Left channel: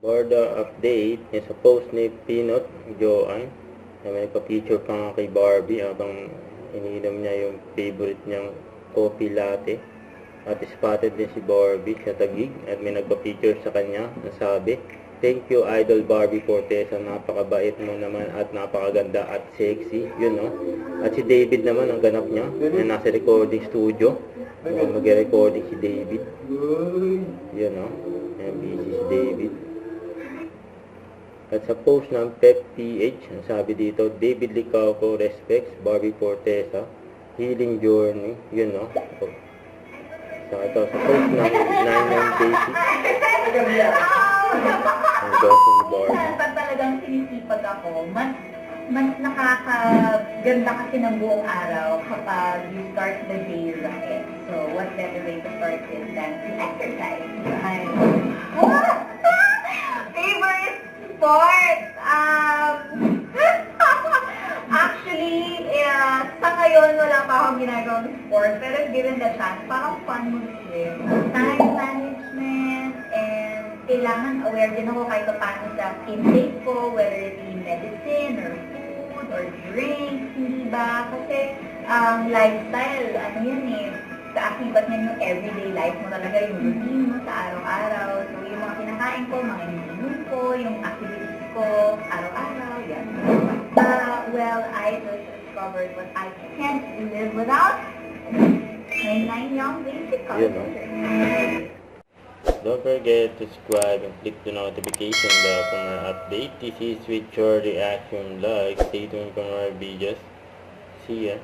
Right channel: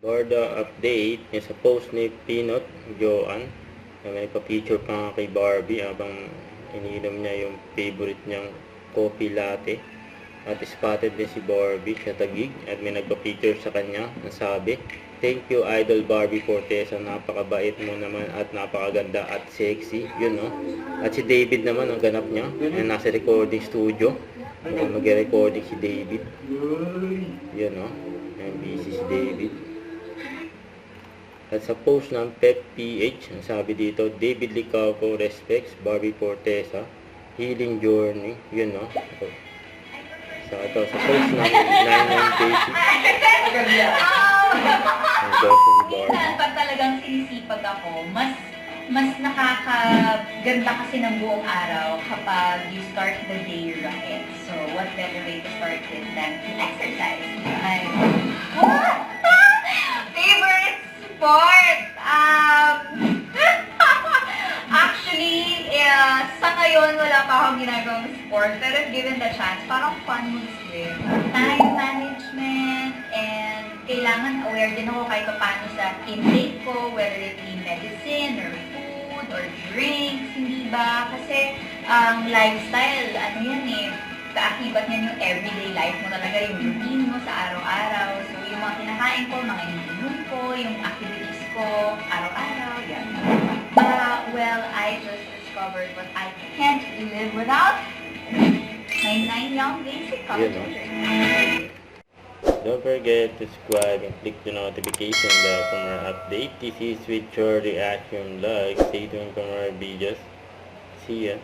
Borda update is sa post ni Pinot Joan. May nagpa-feature pa nga kay Barbie habang iniinom niya yung favorite niyang coffee latte. At spotted din si Barbie sa Taguig at may nagpa-feature sa kanya. Nasabi, "Thank you Idol Barbie Fortesa, napakabait mo naman at napakaganda at sexy." Yun no. At si David naman ang ganap niya. Nasa recording studio. Mag-recording si David. Yun no. Busy si David. At sa post ng Pep PH, ang sabi dito, "David Licapo respects Barbie Fortesa, healing journey." Yun no. Sa post ng 99 Basic. Ang boss ni Barbie. Pag talagang sinisipag ako, mas nakakaganda kasi ng buong araw kapag you start the day right. So, what better way to start it than to exercise? Favorite sport? Actually, sa ngayon wala pa akong ginagawang sport. Pero if given the chance, parang fun moves din. Time management, and kailangan aware din ako kahit paano sa intake ko, whether it be medicine or food or drinks, hindi ba? Kasi ang lifestyle, ano yan eh, kaakibat niyan yung everyday life mo talaga, yung routine mo sa araw-araw. So, yung mga kinakain ko, mga iniinom ko, yung activities ko, araw-araw, yan. Well, I just discovered what I can't live without. My 9 Young Basic College. Don't forget to subscribe and click the notification bell for more update. This is with your reaction vlog. Stay tuned for more videos. See ya.